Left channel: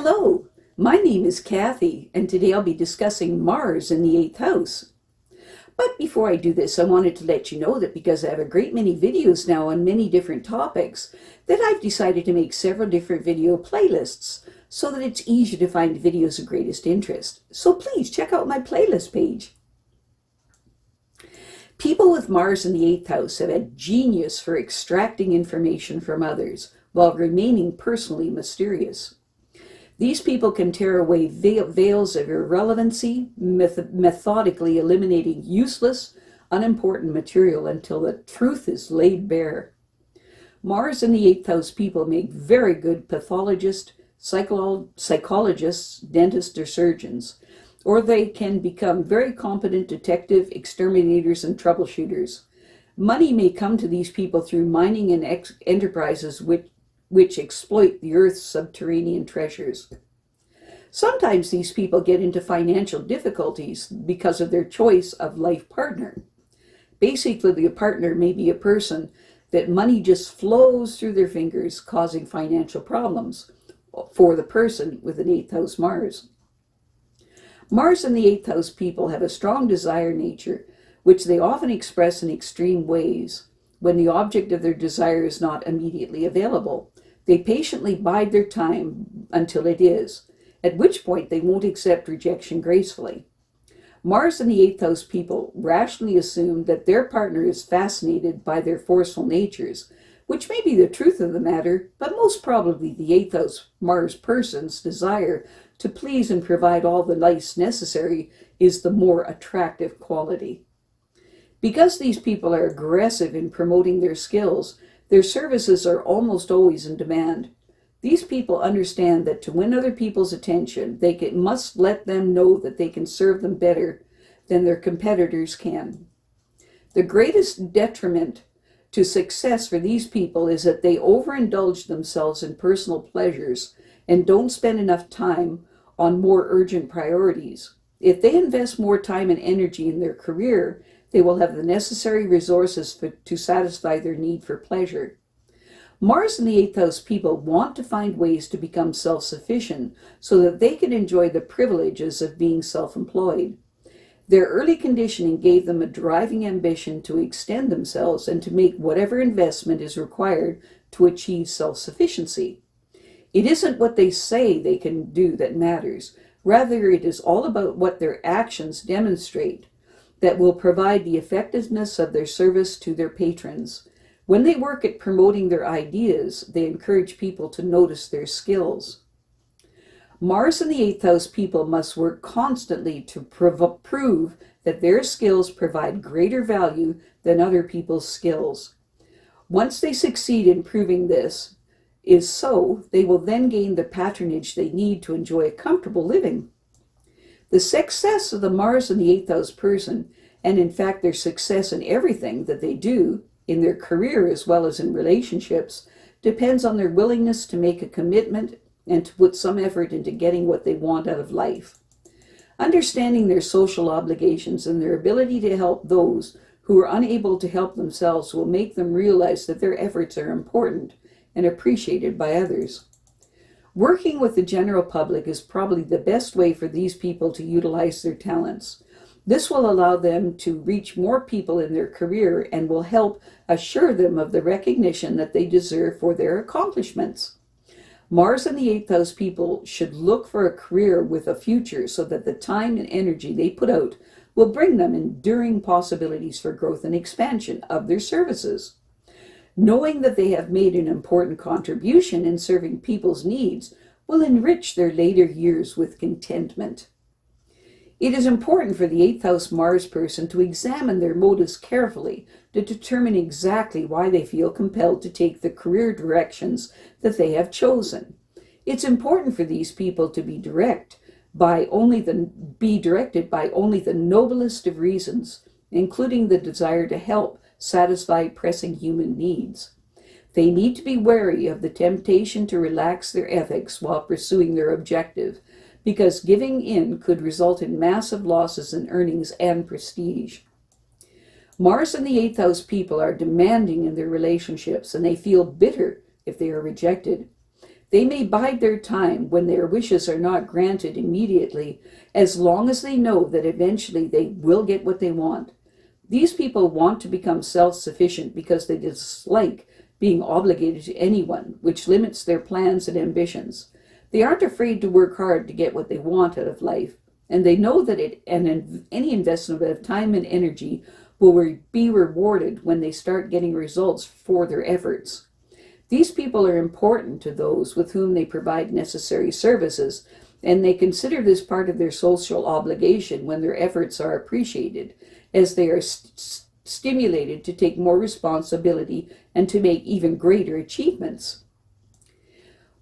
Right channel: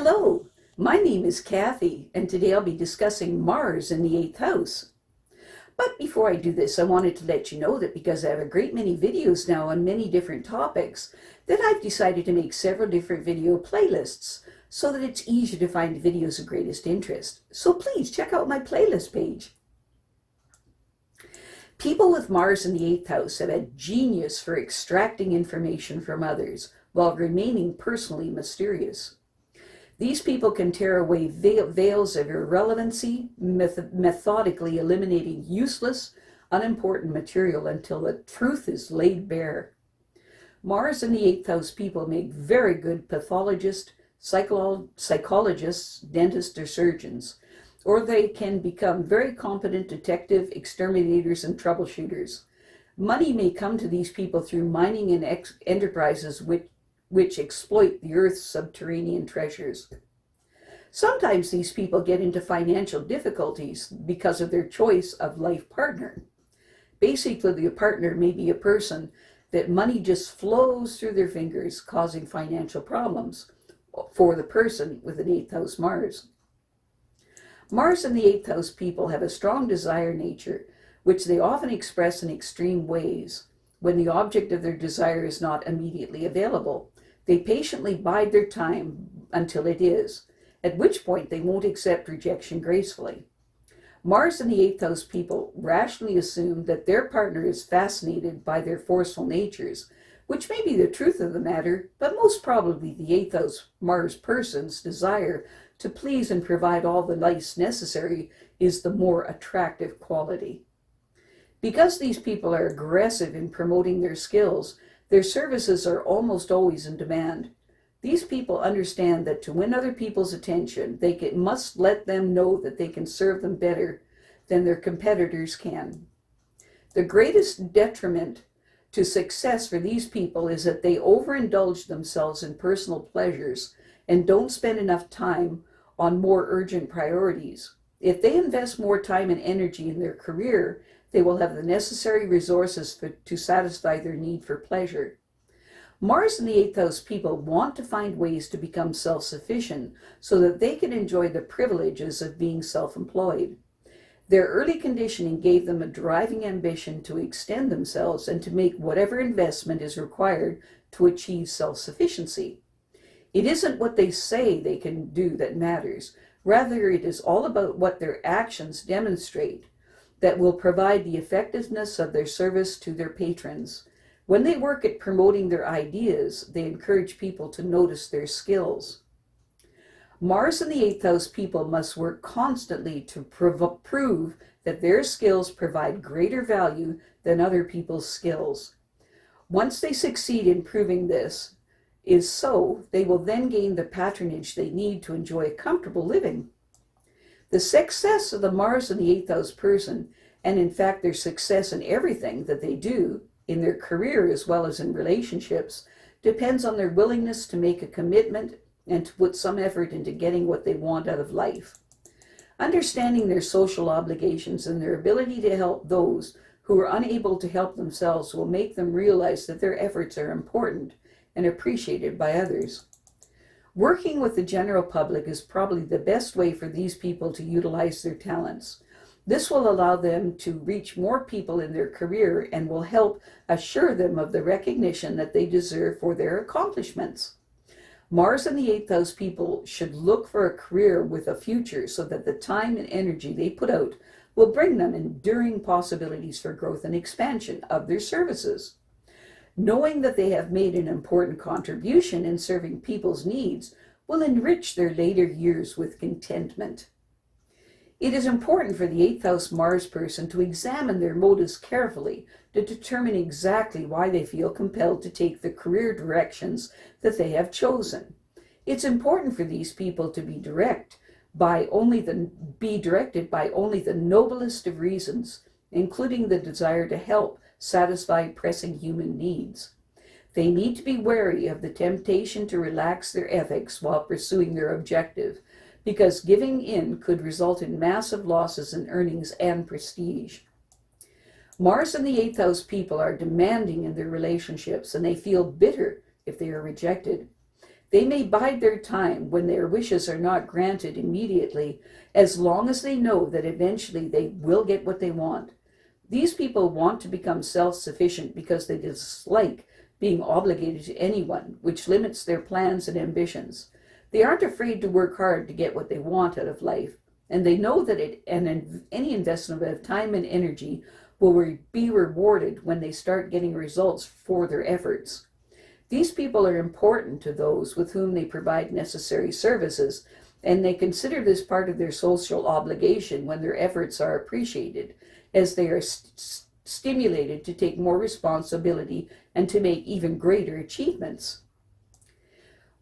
Hello, my name is Kathy, and today I'll be discussing Mars in the 8th house. But before I do this, I wanted to let you know that because I have a great many videos now on many different topics, that I've decided to make several different video playlists so that it's easier to find videos of greatest interest. So please check out my playlist page. People with Mars in the 8th house have a genius for extracting information from others while remaining personally mysterious. These people can tear away veils of irrelevancy, methodically eliminating useless, unimportant material until the truth is laid bare. Mars in the 8th house people make very good pathologists, psychologists, dentists, or surgeons, or they can become very competent detective, exterminators, and troubleshooters. Money may come to these people through mining and enterprises which exploit the Earth's subterranean treasures. Sometimes these people get into financial difficulties because of their choice of life partner. Basically, the partner may be a person that money just flows through their fingers, causing financial problems for the person with an 8th house Mars. Mars in the 8th house people have a strong desire nature, which they often express in extreme ways when the object of their desire is not immediately available. They patiently bide their time until it is, at which point they won't accept rejection gracefully. Mars in the 8th house people rationally assume that their partner is fascinated by their forceful natures, which may be the truth of the matter, but most probably the 8th house Mars person's desire to please and provide all the life necessary is the more attractive quality. Because these people are aggressive in promoting their skills, their services are almost always in demand. These people understand that to win other people's attention, they must let them know that they can serve them better than their competitors can. The greatest detriment to success for these people is that they overindulge themselves in personal pleasures and don't spend enough time on more urgent priorities. If they invest more time and energy in their career, they will have the necessary resources to satisfy their need for pleasure. Mars in the 8th house people want to find ways to become self-sufficient so that they can enjoy the privileges of being self-employed. Their early conditioning gave them a driving ambition to extend themselves and to make whatever investment is required to achieve self-sufficiency. It isn't what they say they can do that matters. Rather, it is all about what their actions demonstrate that will provide the effectiveness of their service to their patrons. When they work at promoting their ideas, they encourage people to notice their skills. Mars in the 8th house people must work constantly to prove that their skills provide greater value than other people's skills. Once they succeed in proving this is so, they will then gain the patronage they need to enjoy a comfortable living. The success of the Mars in the 8th house person, and in fact their success in everything that they do, in their career as well as in relationships, depends on their willingness to make a commitment and to put some effort into getting what they want out of life. Understanding their social obligations and their ability to help those who are unable to help themselves will make them realize that their efforts are important and appreciated by others. Working with the general public is probably the best way for these people to utilize their talents. This will allow them to reach more people in their career and will help assure them of the recognition that they deserve for their accomplishments. Mars in the 8th house people should look for a career with a future so that the time and energy they put out will bring them enduring possibilities for growth and expansion of their services. Knowing that they have made an important contribution in serving people's needs will enrich their later years with contentment. It is important for the 8th house Mars person to examine their motives carefully to determine exactly why they feel compelled to take the career directions that they have chosen. It's important for these people to be directed by only the noblest of reasons, including the desire to help satisfy pressing human needs. They need to be wary of the temptation to relax their ethics while pursuing their objective, because giving in could result in massive losses in earnings and prestige. Mars in the 8th house people are demanding in their relationships, and they feel bitter if they are rejected. They may bide their time when their wishes are not granted immediately, as long as they know that eventually they will get what they want. These people want to become self-sufficient because they dislike being obligated to anyone, which limits their plans and ambitions. They aren't afraid to work hard to get what they want out of life, and they know that any investment of time and energy will be rewarded when they start getting results for their efforts. These people are important to those with whom they provide necessary services, and they consider this part of their social obligation when their efforts are appreciated, as they are stimulated to take more responsibility and to make even greater achievements.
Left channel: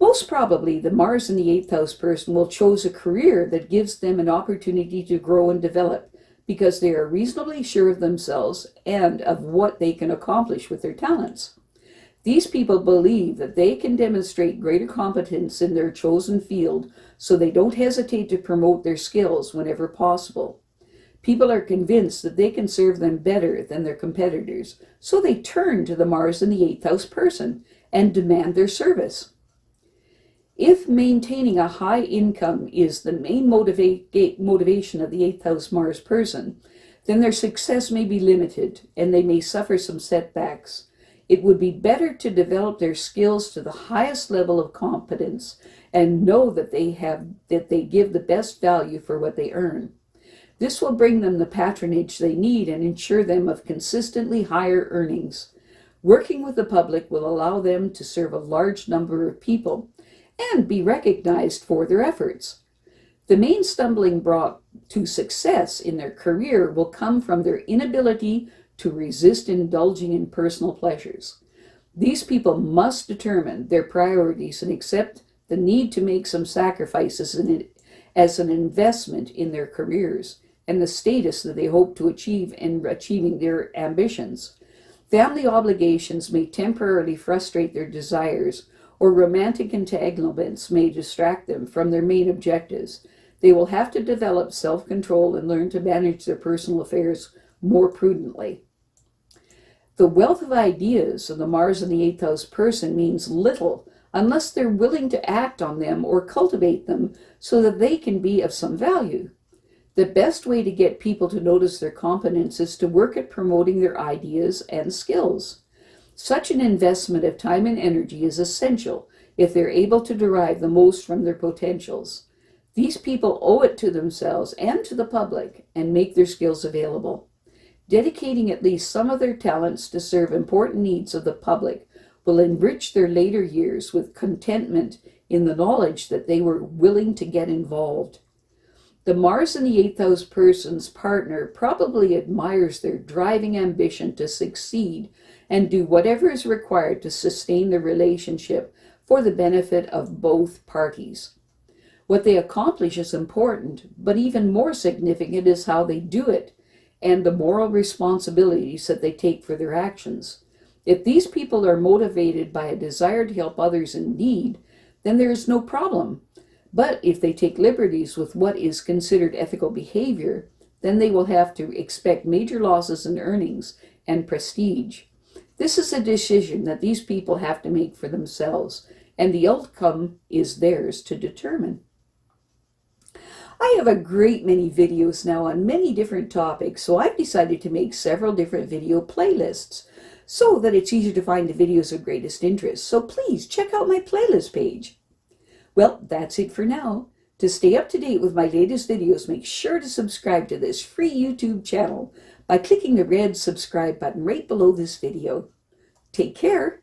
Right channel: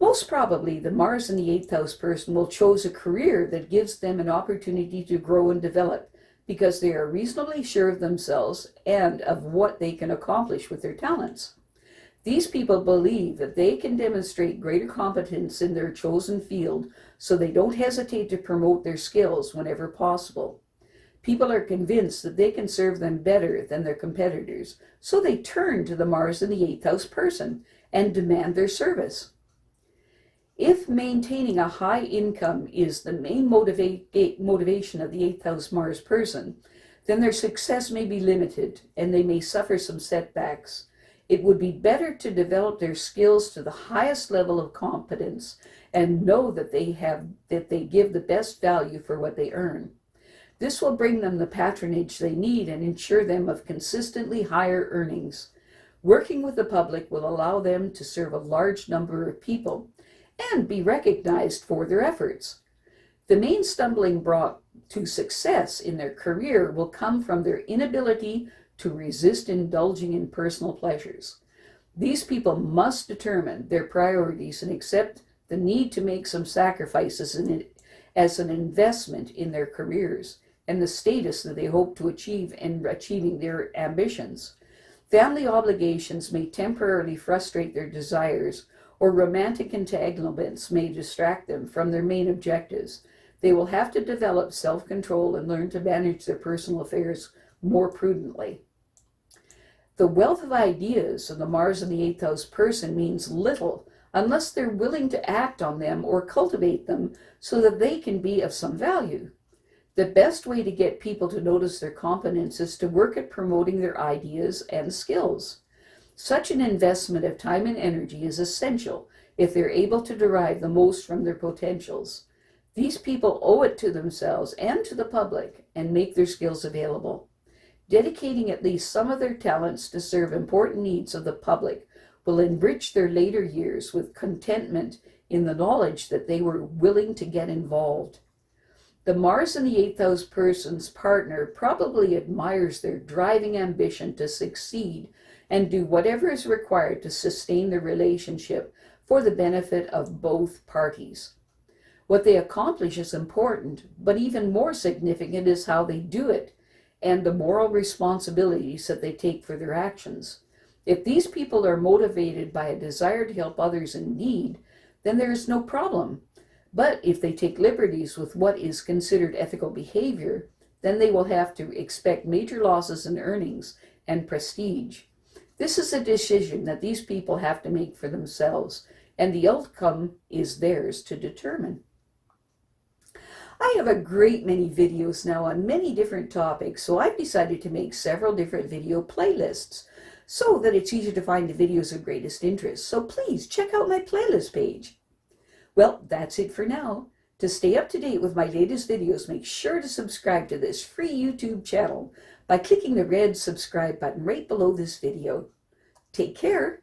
Most probably, the Mars in the 8th house person will choose a career that gives them an opportunity to grow and develop, because they are reasonably sure of themselves and of what they can accomplish with their talents. These people believe that they can demonstrate greater competence in their chosen field, so they don't hesitate to promote their skills whenever possible. People are convinced that they can serve them better than their competitors, so they turn to the Mars in the 8th house person and demand their service. If maintaining a high income is the main motivation of the 8th house Mars person, then their success may be limited and they may suffer some setbacks. It would be better to develop their skills to the highest level of competence and know that they give the best value for what they earn. This will bring them the patronage they need and ensure them of consistently higher earnings. Working with the public will allow them to serve a large number of people and be recognized for their efforts. The main stumbling block to success in their career will come from their inability to resist indulging in personal pleasures. These people must determine their priorities and accept the need to make some sacrifices as an investment in their careers and the status that they hope to achieve in achieving their ambitions. Family obligations may temporarily frustrate their desires, or romantic entanglements may distract them from their main objectives. They will have to develop self-control and learn to manage their personal affairs more prudently. The wealth of ideas of the Mars in the 8th house person means little unless they're willing to act on them or cultivate them so that they can be of some value. The best way to get people to notice their competence is to work at promoting their ideas and skills. Such an investment of time and energy is essential if they're able to derive the most from their potentials. These people owe it to themselves and to the public and make their skills available. Dedicating at least some of their talents to serve important needs of the public will enrich their later years with contentment in the knowledge that they were willing to get involved. The Mars in the 8th house person's partner probably admires their driving ambition to succeed and do whatever is required to sustain the relationship for the benefit of both parties. What they accomplish is important, but even more significant is how they do it and the moral responsibilities that they take for their actions. If these people are motivated by a desire to help others in need, then there is no problem. But if they take liberties with what is considered ethical behavior, then they will have to expect major losses in earnings and prestige. This is a decision that these people have to make for themselves, and the outcome is theirs to determine. I have a great many videos now on many different topics, so I've decided to make several different video playlists so that it's easier to find the videos of greatest interest. So please check out my playlist page. Well, that's it for now. To stay up to date with my latest videos, make sure to subscribe to this free YouTube channel by clicking the red subscribe button right below this video. Take care.